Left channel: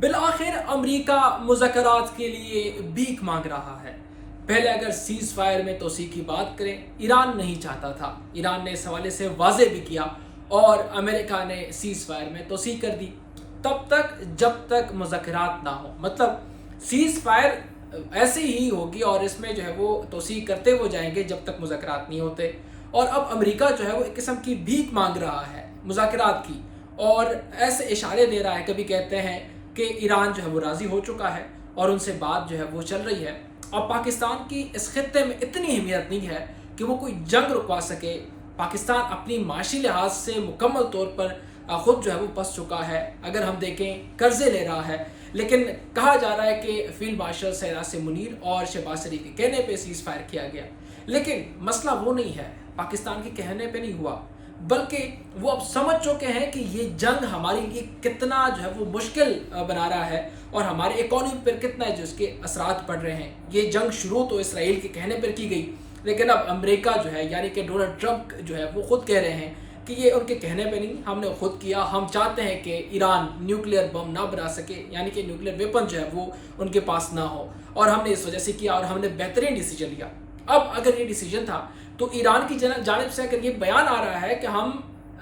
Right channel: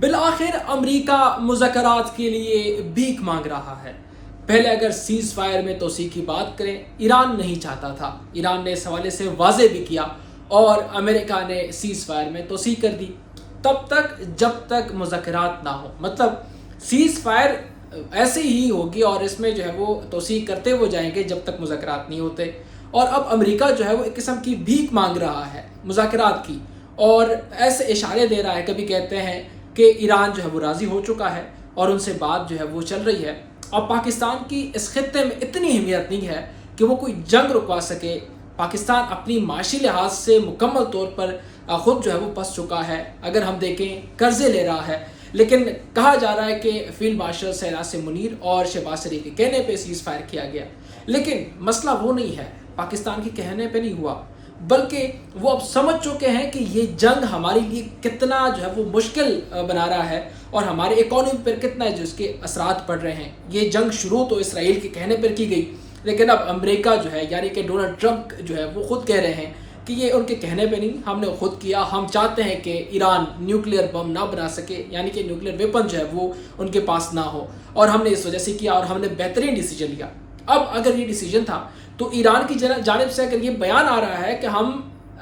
بالآخر امریکہ مذاکرات کے لیے بھیک مانگ رہا ہے۔ پہلے اگر سیز فائر میں توسیع کی بات کریں، ایران نہیں چاہتا تھا۔ ایران نے اس حوالے سے واضح بھی کیا اور امریکہ نے سیز فائر میں توسیع کر دی تب تک جب تک مذاکرات نہ ہو۔ مطلب سیز فائر ایسے ہی ہوگی اور اس میں جو ہے وہ توسیع کرتے ہوئے جائیں گے جب تک مذاکرات نہیں ہوتے۔ اور اب امریکہ جو ہے وہ ایک قسم کی بھیک مانگ رہا ہے مذاکرات کی، اور ایسے اشارے دے رہا ہے۔ کبھی کہتے ہیں کہ ایران جو ہے وہ راضی ہو چکا ہے اور ان سے بات جو ہے وہ چل رہی ہے۔ اب پاکستان کی اس خطے میں اتنی اہمیت نہیں ہے کہ وہ کوئی جنگ رکوا سکے۔ پاکستان اپنی معاشی لحاظ سے مکمل طور پر خود جو ہے وہ پس چکا ہے۔ اگر ہم دیکھیں قرضے لے رہا ہے، لیکن کہا جا رہا ہے کہ فیلڈ مارشل سیراج منیر اور شہباز شریف کے کہنے پہ سیز فائر کیا گیا، لیکن مسئلہ وہ نہیں ہے، پاکستان کے کہنے پہ نہیں ہوا، بلکہ وہ اب سمجھ چکے ہیں کہ یہ جنگ ہمارے لیے کتنا جو ہے وہ مشکل بنا رہا ہے اور ہمارے اکانومی پر کتنا جو اس کے اثرات پڑ رہے ہیں۔ یہ جنگ شروع تو اسرائیل کے کہنے پر کی گئی، لیکن اب امریکہ جو ہے یعنی کہ ڈونلڈ ٹرمپ جو ہے وہ خود کہہ رہے ہیں کہ یہ ان کے کہنے پہ نہیں، ہم نے خود کیا۔ ہم چاہتے ہیں کہ ایران نیوکلیئر بم نہ بنا سکے، یعنی کہ نیوکلیئر ویپن جو ہے وہ ان کے پاس نہ ہو، اور ہم نے اس وجہ سے کیا اور ہم نے بہترین ڈیسیجن لیا۔ اب اگر یہ ڈیسیجن تھا تو ایران کی جانب سے اگر یہ بیان آ رہا ہے کہ ہم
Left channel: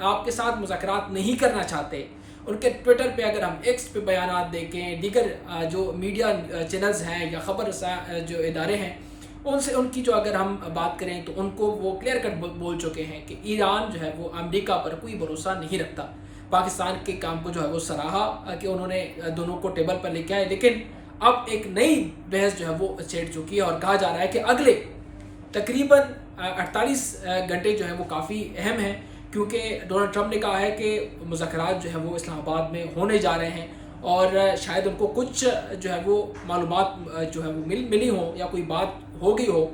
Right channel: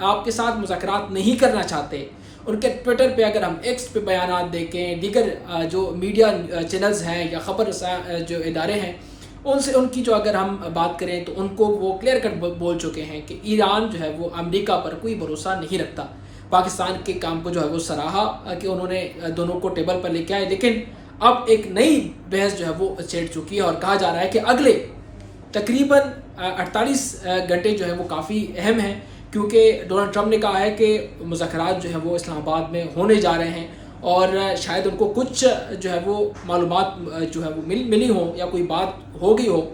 آپ کے ساتھ مذاکرات نہیں کرنا چاہتے، ان کے ٹویٹر پہ اگر ہم ایکس پہ بیانات دیکھیں، دیگر جو میڈیا چینلز ہیں یا خبر جو ادارے ہیں ان سے ان کی جو اگر ہم بات کریں تو ان کو وہ کلیئر کٹ بول چکے ہیں کہ ایران جو ہے وہ امریکہ پر کوئی بھروسہ نہیں رکھتا۔ پاکستان کے کام کو جو ہے وہ سراہا کہ انہوں نے دونوں کو ٹیبل پر لے کے آئے، لیکن اب ایک نئی بحث جو ہے وہ چھیڑ چکی ہے اور کہا جا رہا ہے کہ اگلے تقریباً 48 گھنٹے جو ہے وہ کافی اہم ہیں، کیونکہ ڈونلڈ ٹرمپ نے کہا ہے کہ مذاکرات جو ہے وہ اسلام آباد میں ہونے جا رہے ہیں، اور شاید ان کو کچھ جو ہے وہ معلومات جو ہے وہ ملی ہوں یا کوئی بات ہو گئی ہو،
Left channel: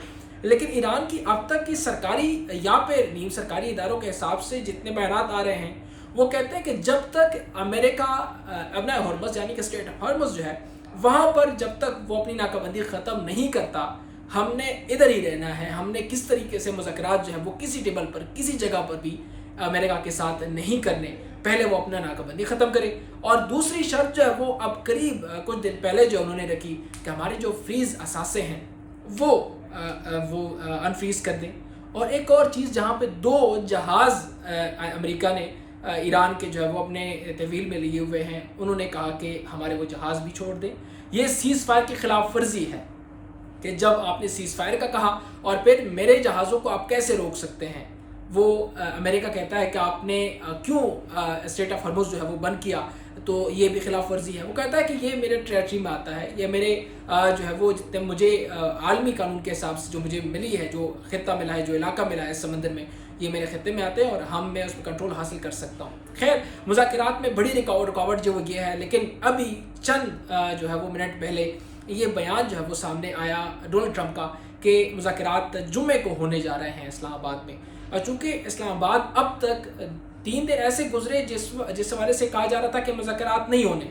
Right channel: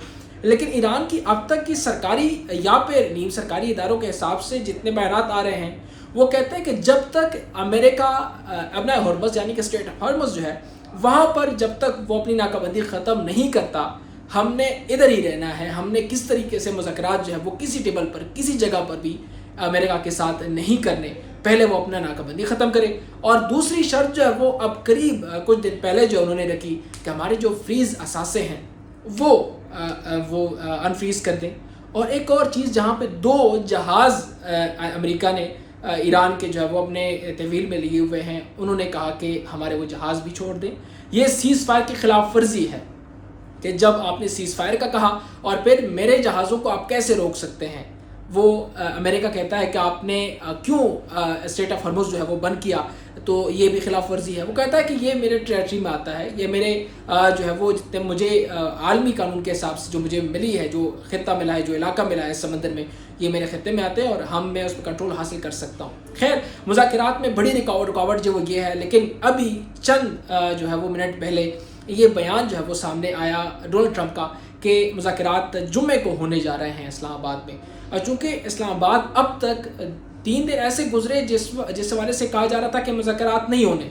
لیکن ایران کی اب تک کی سرکاری یا پھر نیم سرکاری اداروں کے حساب سے جتنے بیانات آ رہے ہیں وہ کہتے ہیں کہ جب تک امریکہ ابنا ہرمز یعنی کہ اسٹریٹ آف ہرمز جو ہے وہاں پر جب تک وہ اپنی ناکہ بندی ختم نہیں کرتا، ہم نے ادھر ہی رہنا ہے۔ ہم نے کس طریقے سے مذاکرات جو ہے وہ کسی ٹیبل پر کسی جگہ پر بھی امریکہ کے ساتھ نہیں کرنے، پہلے وہ اپنا ناکہ بندی ختم کرے۔ اور دوسری شرط جو ہے وہ اب قریب کچھ دن پہلے جو انہوں نے رکھی کہ ہمارے جو فریز اثاثے ہیں وہ انفریز کر دیں۔ اور ایک اور چیز جہاں پہ 2 جہاز امریکہ نے ایران کے جو ہے وہ اپنے تحویل میں لیے ہوئے ہیں، انہوں نے کہا کہ ہمارے وہ جہاز بھی چھوڑ دیں۔ یہ سیز فائر کی خلاف ورزی ہے کہ جب آپ نے سیز فائر کا کہا اور پھر میرے جہازوں کو آپ کیسے روک سکتے ہیں۔ وہ امریکہ کہتا ہے کہ آپ نے کیوں اسٹریٹ آف ہرمز جو ہے وہ بند کیا، تو یہ بھی خلاف ورزی ہے۔ وہ کہتا ہے کہ یہ میرے ٹریٹری میں آتا ہے، یہ میرے جو ہے وہ جتنے مجھے عالمی قانون کے حساب سے جو مجھے ملی ہے، جو خطہ ملا ہے، جو علاقہ ملا ہے سمندر میں، یہ میرے خطے میں آتے ہیں اور میں اس پہ کنٹرول حاصل کر سکتا ہوں۔ خیر، مذاکرات میں بڑی رکاوٹ جو وہ یہ ہے، لیکن ابھی چند جو ہے وہ منٹ پہلے یہ بیان جو ہے وہ سامنے آیا ڈونلڈ ٹرمپ کا کہ مذاکرات جمعے کو ہونے جا رہے ہیں اسلام آباد میں۔ اور چونکہ اسلام آباد اب تک 3 دن ایسے گزرے جس حوالے سے کہا جا رہا تھا کہ مذاکرات نہیں ہونے،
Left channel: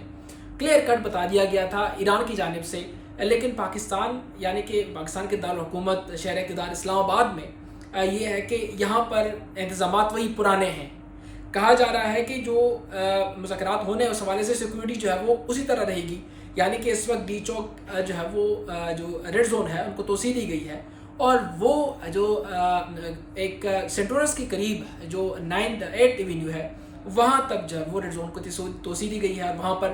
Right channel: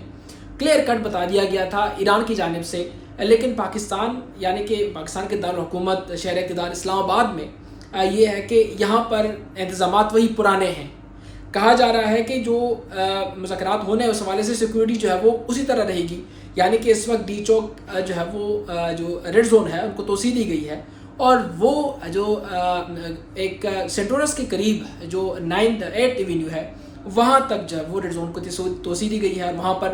کلیئر کٹ بتا دیا گیا تھا ایران کی جانب سے، لیکن پاکستان یعنی کہ پاکستان کے دارالحکومت شہر اقتدار اسلام آباد میں یہ ہے کہ یہاں پر انتظامات وہی پرانے ہیں۔ کہا جا رہا ہے کہ جو مذاکرات ہونے اس حوالے سے سیکورٹی جو ہے وہ اسی طرح رہے گی، یعنی کہ اس وقت ڈی چوک جو ہے وہ جو ریڈ زون ہے ان کو توسیع دی گئی ہے، اور وہ جو ایک سینٹورس کے قریب جو 8 ایونیو ہے وہاں تک جو ہے وہ ریڈ زون کو توسیع دی گئی ہے، اور وہاں پر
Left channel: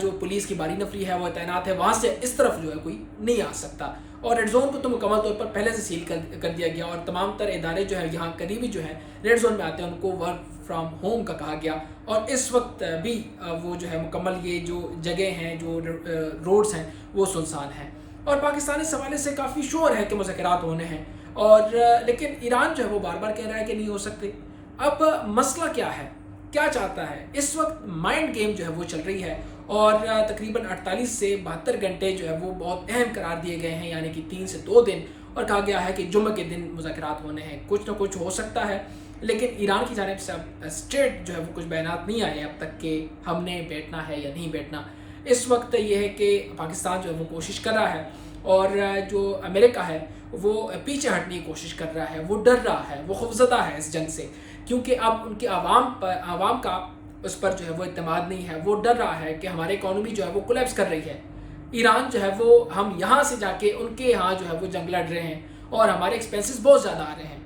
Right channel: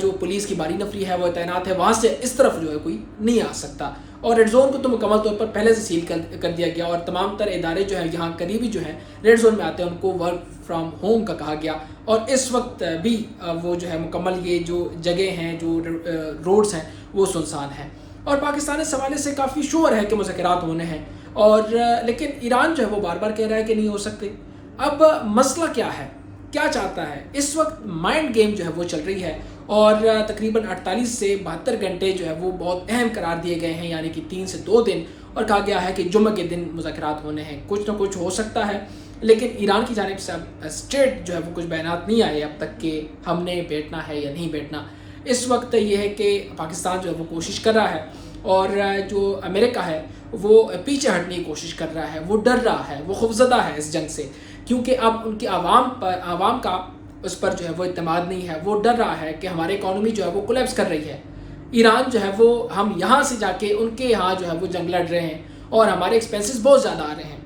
جو پولیس کی باری نفری ہے وہ تعینات ہے، وہاں سے اس طرف جو ہے کوئی نہیں آ سکتا۔ اور ریڈ زون کو تو مکمل طور پر پہلے سے سیل کر دیا گیا، اور تمام تر ادارے جو ہیں یہاں قریبی جو ہیں ریڈ زون میں آتے ہیں ان کو ورک فرام ہوم کا کہا گیا، اور اس وقت بھی وہ جو ہے مکمل یہ جو جگہ ہیں جو روڈز ہیں وہ سنسان ہیں۔ اور پاکستان اس حوالے سے کافی شور ہے کہ مذاکرات ہونے ہیں، اور لیکن ایران جو ہے وہ بار بار کہہ رہا ہے کہ نہیں ہو سکتے۔ اب مسئلہ کیا ہے، کیا چاہتا ہے؟ اس وقت مائنڈ گیم جو ہے وہ چل رہی ہے، اور تقریباً 48 سے 72 گھنٹے جو ہے وہ بہت اہم قرار دیے گئے ہیں، یعنی کہ 3 سے 2 دن، اور کہا گیا ہے کہ جمعہ کے دن مذاکرات ہونے ہیں۔ کچھ نہ کچھ ہو سکتا ہے، لیکن ایران کی جانب سے اب اسٹریٹ جو ہے وہ کچھ بیانات نہیں آئے اب تک کہ ہم نے بیٹھنا ہے یا نہیں بیٹھنا۔ اس وقت یہ ہے کہ پاکستان جو ہے وہ کوشش کر رہا ہے، اور جو امریکہ ہے وہ پیچھے ہٹنے کی کوشش کر رہا ہے، وہ ڈر رہا ہے، وہ خوفزدہ ہے اس جنگ سے، کیونکہ اب ان کے عوام کا اس پر جو ہے وہ اعتماد نہیں ہے، وہ ڈر رہا ہے کہ ہماری اکانومی جو ہے وہ کولیپس کر رہی ہے۔ ایران جو ہے وہ ہم یہاں سے جا کے ان کے یہاں جو ہے وہ جنگ لڑ رہے ہیں اور ہمارے ایکسپینسز بہت زیادہ آ رہے ہیں،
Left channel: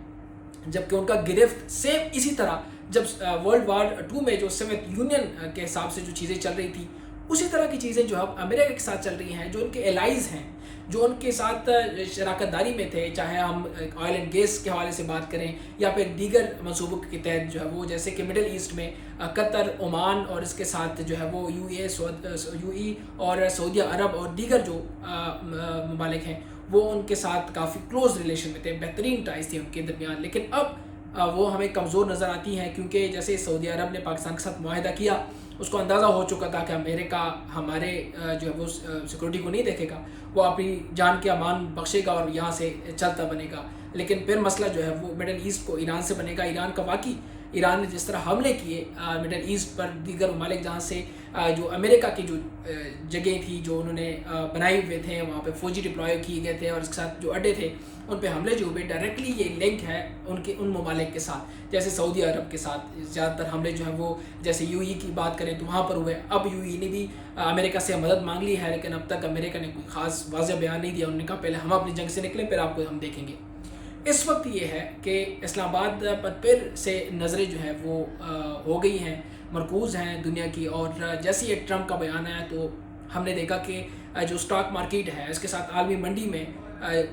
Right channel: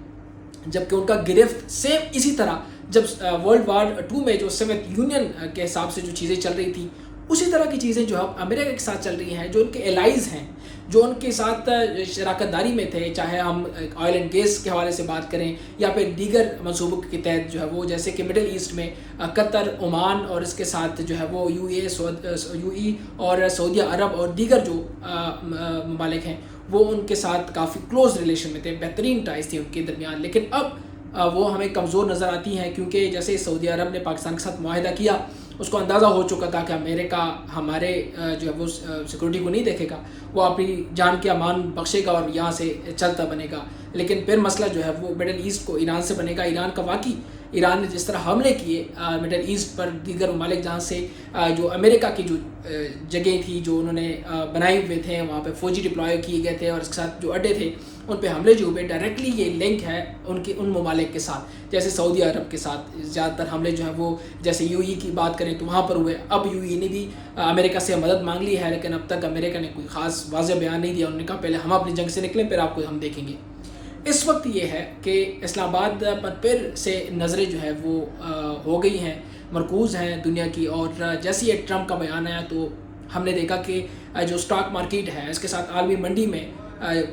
جبکہ ان کا گرفت سیم اسی طرح جب ورلڈ وار 2 میں جو سوویت یونین کے حساب سے جو چیزیں چل رہی تھیں، اسی طرح کی چیزیں جو اب امریکہ کے ساتھ چل رہی ہیں، جو ان کے الائز ہیں، جو ان کے ساتھ شراکت داری میں تھے، چاہے ہم آئل اینڈ گیس کے حوالے سے بات کریں یا پھر دیگر منصوبوں کے تحت جو ہے وہ، جیسے کہ مڈل ایسٹ میں قطر، عمان اور اس کے ساتھ جو ہے وہ یو ای اور سعودیہ عرب اور دیگر جو ممالک ہیں، وہ ان کے ساتھ کافی کلوز ریلیشن میں تھے، بہترین ٹائز تھی ان کے درمیان۔ لیکن اب وہ ہمیں کمزور نظر آتی ہیں، کیونکہ جیسے سعودی عرب نے پاکستان کے ساتھ معاہدہ کیا، اس کو اندازہ ہو چکا تھا کہ امریکہ ہمارے جو ہے وہ سیکورٹی کو نہیں دیکھے گا، وہ اپنی جان کے امان بخشے گا اور یہاں سے چلتا بنے گا۔ لیکن پھر مسئلہ جو ہے وہ مڈل ایسٹ کو ایران سے بنے گا۔ ایران کا واقعی ایران نے جس طرح حملے کیے مڈل ایسٹ پر، دیگر ممالک جہاں سے جو امریکہ کی جو جگہیں تھی جو انہوں نے بنائے ہوئے تھے، وہاں پہ فوجی ڈپلوائے کیے گئے تھے اور اس کے ساتھ جو اڈے تھے ان پہ حملے جو ہوئے، ڈائریکٹلی یہ لنک ہے ان ممالک کے ساتھ، جیسے سعودی عرب کے ساتھ زیادہ تر حملے جو ہیں وہ، جیسے یو ای کی بات کریں تو وہاں پر ہوئے۔ اب یو ای نے بھی امریکہ سے مدد مانگ لی ہے، لیکن اب تک امریکہ نے کوئی خاص واضح بیان نہیں دیا۔ انہوں نے کہا پہلے ہم اپنی جنگ سے نکلیں، پھر آپ کو ہم دیکھیں گے۔ اس وقت یہ ہے کہ اسلام آباد پر پھر سے نظریں جو ہے وہ ہو گئی ہیں، مرکوز ہیں دنیا کی، اور جیسے یہ ٹرمپ کا بیان آیا تو ہم نے دیکھا کہ جو سٹاک مارکیٹ ہے اس کے ساتھ عالمی منڈی میں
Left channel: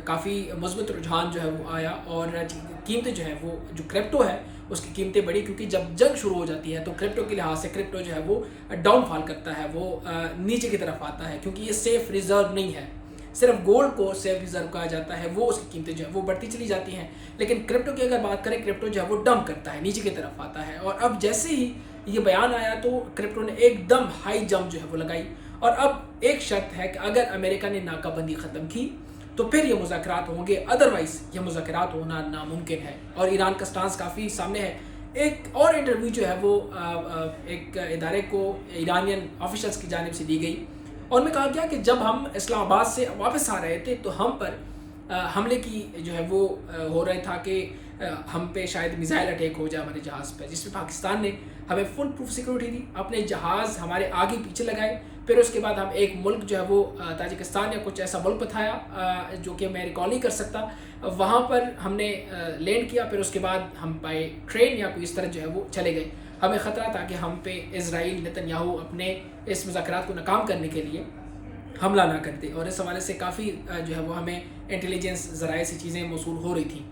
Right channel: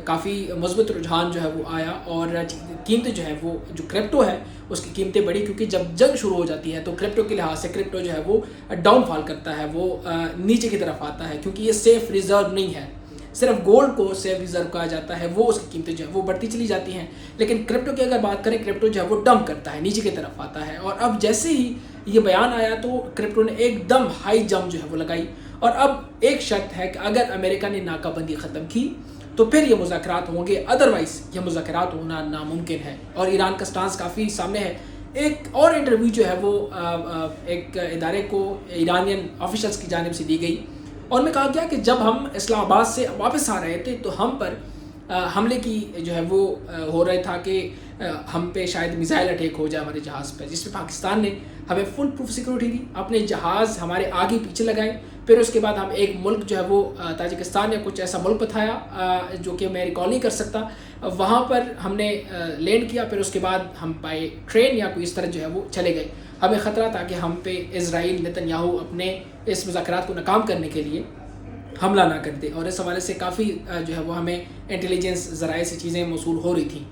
کافی مثبت رجحان جو ہے وہ آیا، اور قیمتیں جو ہے وہ، جو کرپٹو ہے اس کی قیمتیں بڑھی، کیونکہ جب جنگ شروع ہو جاتی ہے تو کرپٹو کے لحاظ سے کرپٹو جو ہے وہ ڈاؤن فال کرتا ہے، وہ نیچے کی طرف آتا ہے، کیونکہ یہ سیف ریزرو نہیں ہے۔ صرف گولڈ کو سیف ریزرو کہا جاتا ہے، وہ اس کی قیمتیں جو ہے وہ بڑھتی چلی جاتی ہیں، لیکن کرپٹو کی اگر بات کریں، کرپٹو جو ہے وہ ڈمپ کرتا ہے، نیچے کی طرف آتا ہے۔ اور اب جیسے ہی یہ بیان آیا تو کرپٹو نے ایک دم ہائی جمپ جو ہے وہ لگائی، اور اب ایک شرط ہے کہ اگر امریکہ نے ناکہ بندی ختم کی تو پھر یہ مذاکرات ہوں گے، ادروائز یہ مذاکرات ہونا ناممکن ہے۔ اور ایران کا سٹانس کافی سامنے ہے۔ ایک اور انٹرویو جو ہے وہ ایک ادارے کو ایرانین آفیشلز کی جانب سے دی گئی، اور میں کہا گیا کہ جب ہم اسلام آباد سے واپس آ رہے تھے تو ہم پر حملے کی جو ہے وہ ہو رہا تھا کہ ہم پہ شاید میزائل اٹیک ہو جائے ہمارے جہاز پہ، جس پہ پاکستان نے ہمیں فل پروف سیکورٹی دی، اپنے جہاز ہمارے آگے پیچھے لگائے۔ پھر اس کے بعد ہم ایک ملک جو ہے وہ تاجکستان یا کچھ ایسا ملک بتایا جو کہ میں ریکال نہیں کر سکتا، وہاں پر ہم نے لینڈ کیا۔ پھر اس کے بعد ہم بائی ٹرین یا کوئی اس طرح جو ہے وہ چلے گئے۔ ہمیں خطرہ تھا کہ ہم پہ اسرائیل نتنیاہو اپنے اس مذاکرات کو ناکام کرنے کے لیے حملہ نہ کر دے، اور اس حوالے سے کافی جو ہے وہ ہمیں انٹیلیجنس ذرائع سے چیزیں موصول ہو رہی تھیں۔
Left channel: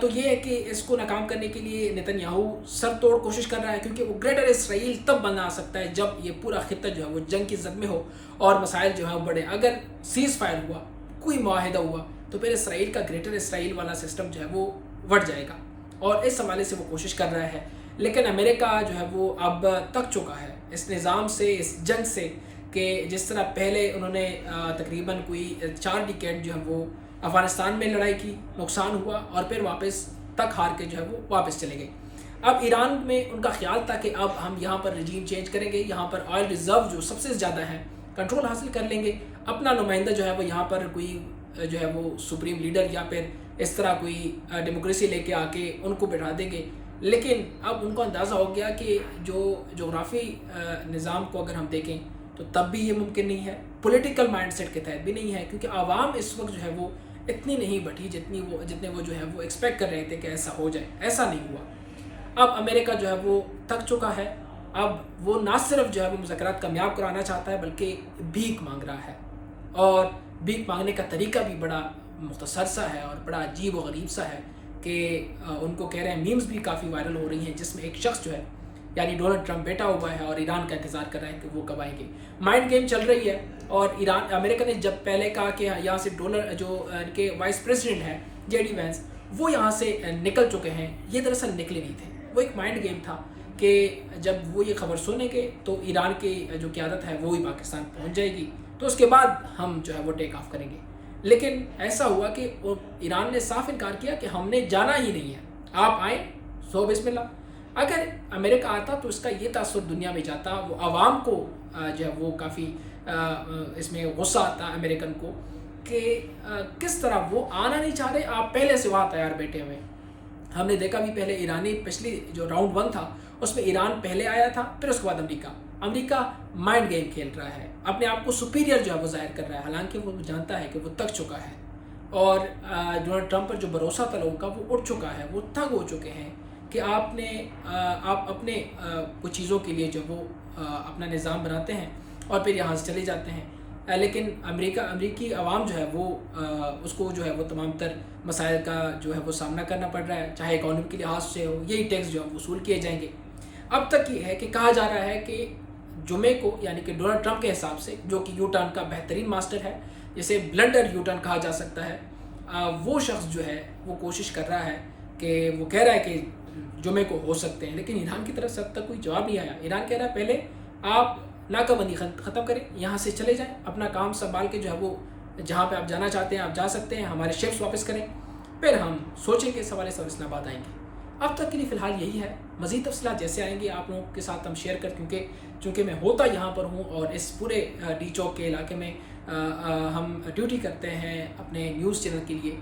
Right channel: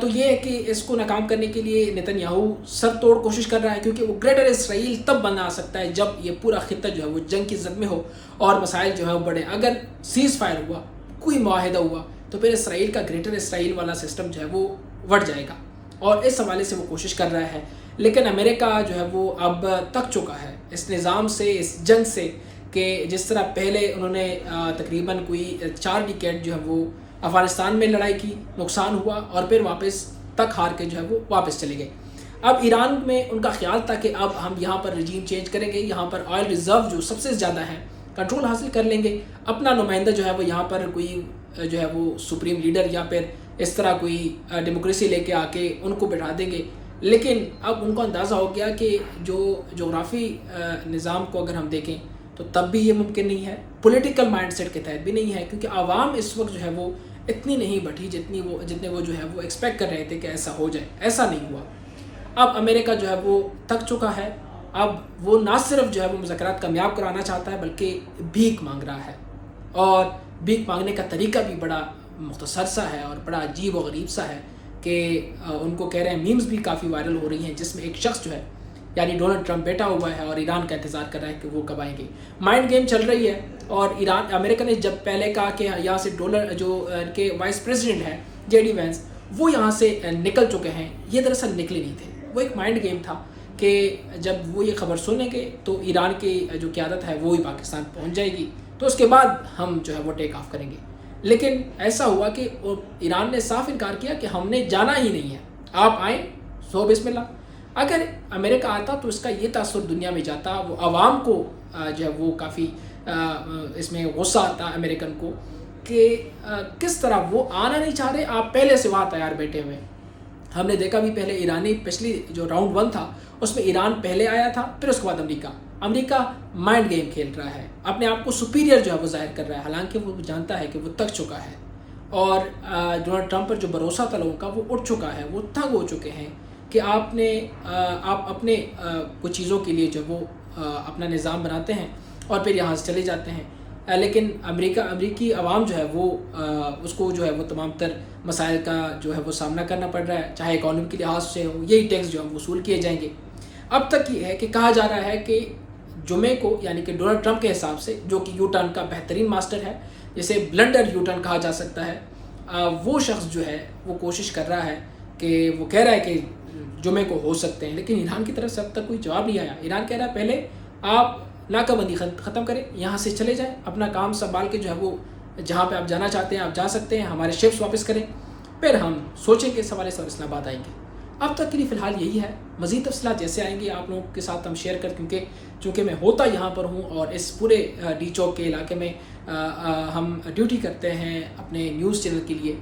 تو یہ ہے کہ اس کو ناکام کرنے کے لیے نتنیاہو سر توڑ کوشش کر رہا ہے، کیونکہ وہ گریٹر اسرائیل تب بنا سکتا ہے جب یہ پورا خطہ جو ہے وہ جنگ کی زد میں ہو اور مسائل جو ہے وہ بڑھے۔ اگر سیز فائر ہوا، کوئی معاہدہ ہوا، تو پھر اسرائیل کا گریٹر اسرائیل والا سسٹم جو ہے وہ بڑھ جائے گا، اور اس حوالے سے وہ کوشش کر رہا ہے۔ لیکن امریکہ جو ہے وہ اب تک چکا ہے اس نظام سے، اس جنگ سے، کہ جس طرح پہلے انہوں نے تقریباً کوئی 4 ڈیکیڈ جو ہے وہ افغانستان میں لڑائی کی، نقصان ہوا، اور پھر واپس تک ہار کے جو ہے وہ واپس چلے گئے۔ اب ایران میں ان کا خیال تھا کہ اب ہم یہاں پر رجیم چینج کریں گے، یہاں پر آئل ریزرو جو سب سے زیادہ ہے کنٹرول حاصل کر لیں گے، اپنا نمائندہ جو ہے وہ یہاں پر کوئی جو ہے وہ سپریم لیڈر یا پھر اس طرح کوئی ڈیموکریسی لے کے آ کے ان کو بٹھا دیں گے۔ لیکن اب ان کو اندازہ ہو گیا کہ جو جغرافی نظام کو اگر ہم دیکھیں تو تب بھی یہ ممکن نہیں ہے، پولیٹیکل مائنڈ سیٹ کے تحت بھی نہیں ہے، کیونکہ عوام اس وقت جو ہے وہ اتنی نہیں بٹھی جتنے وہ جو ہے وہ ایکسپیکٹ کر رہے تھے کہ ایسا ہو جائے۔ ایسا نہیں ہوا۔ اب امریکہ جو ہے وہ تھک چکا ہے، اب وہ نہ صرف جو ہے وہ مذاکرات کامیاب کرانا چاہتا ہے بلکہ بھیک مانگ رہا ہے، اور بھیک مانگنے کا طریقہ بھی بڑا مختصر سا ہے اور بڑا عجیب و غریب سا ہے کہ ان کو کہہ رہے ہیں، میمز بھی کافی وائرل ہو رہی ہیں جس میں ایک شخص جو ہے یعنی ڈونلڈ ٹرمپ بیٹھا ہوا ہے اور ایران کا انتظار کر رہا ہے کہ وہ کب آئیں گے۔ مائنڈ گیم چل رہی ہے، اور امریکہ نے جب پہلے کہا کہ یہاں سے جو ان کے وائس پریزیڈنٹ ہیں جے ڈی وینس، وہ یہاں سے نکل چکے ہیں، یہ دراصل نکلے نہیں تھے، وہ ایک مائنڈ گیم تھا کہ جب وہ یہ خبر سنیں گے تو ایران کی جو قیادت ہے وہ ہی پاکستان پہنچ جائے گی، تو اس کے بعد ہم جو ہے وہ ٹیک آف کریں گے۔ لیکن ایسا ہوا کہ ایران نے صاف انکار کیا کہ ہم نے جانا ہی نہیں ہے، آپ آئیں سو بسم اللہ۔ اگر امریکہ آتا تو اس کا یہ تاثر دنیا میں جاتا، وہ عوام کو جو ہے وہ کافی اس میں غصہ آتا امریکن کو کہ کس طرح وہ آنا نہیں چاہ رہے، آپ پہلے سے وہاں تیار بیٹھے ہوئے ہیں۔ ہم نے دیکھا بھی پہلے ایرانی پچھلی جو راؤنڈ 1 تھا اس میں ایران پہلے آیا تھا، پھر اس کے بعد امریکہ مائنڈ گیم کھیل رہا ہے، اپنے آپ کو سپیریئر جو ہے وہ ظاہر کر رہا ہے، حالانکہ وہ جانتا ہے کہ وہ تک چکا ہے اور ڈونلڈ ٹرمپ پر جو بھروسہ تھا لوگوں کا وہ اٹھ چکا ہے، وہ تنگ ہو چکے ہیں کہ آپ اپنے کچھ چیزوں کے لیے جو وہ اپنا نظام بناتے ہیں اور پھر یہاں سے چلے جاتے ہیں، لیکن امریکی عوام جو ہے وہ اس کو جو ہے وہ تمام تر مسائل کا جو ہے وہ سامنا کرنا پڑ رہا ہے، چاہے اکانومی کے لحاظ سے ہو، یہی ٹیکس جو ہے وصول کیے جائیں گے۔ اب تک یہ ہے کہ کہا جا رہا ہے کہ جمعے کو، یعنی کہ ڈونلڈ ٹرمپ کے حساب سے، جو کہ یو ٹرن کا بہترین ماسٹر ہے، جسے بلنڈر یو ٹرن کہا جا سکتا ہے، وہ شخص جو ہے وہ کوشش کر رہا ہے کہ وہ کہہ رہا ہے کہ جمعے کو ہو سکتے ہیں، لیکن ایران کی طرف سے اب تک کوئی جواب نہیں آیا۔ ایران کہہ رہا ہے پہلے آپ ناکہ بندی ختم کریں، یہاں سے چلے جائیں، اپنا کام سنبھال کے جو ہے وہ جہاں پہ آپ جانا چاہتے ہیں آپ جا سکتے ہیں، ہمارے شپس واپس کریں، پھر ہم سوچیں کہ اس حوالے سے اور اسلام آباد آئیں گے۔ اب تک کے لیے فی الحال یہی ہے، مزید تفصیلات جیسے آئیں گے آپ لوگوں کے ساتھ ہم شیئر کر، چونکہ میں ہوتا یہاں پر ہوں اور اس پورے ڈی چوک کے علاقے میں ہم ڈیوٹی کرتے ہیں اپنے نیوز چینل کے لیے،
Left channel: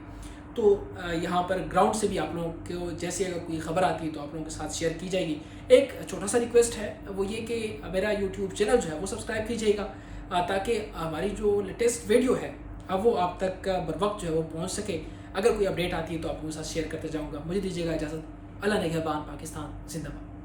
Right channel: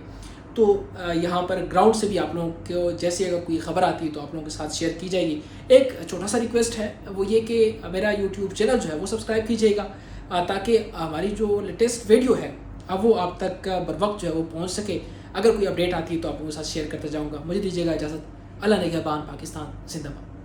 تو یہاں پر گراؤنڈ سے بھی آپ لوگوں کو جیسے اگر کوئی خبر آتی ہے تو آپ لوگوں کے ساتھ شیئر کی جائے گی۔ ایک چھوٹا سا ریکویسٹ ہے، وہ یہ کہ میرا یوٹیوب چینل جو ہے وہ سبسکرائب کیجیے گا تاکہ ہماری جو لیٹسٹ ویڈیو ہے اب وہ آپ تک بر وقت جو ہے وہ پہنچ سکے۔ اگر کوئی اپڈیٹ آتی ہے تو آپ لوگوں کے ساتھ شیئر کرتے جاؤں گا۔ مجھے دیجیے گا اجازت۔ اللہ نگہبان، پاکستان زندہ باد۔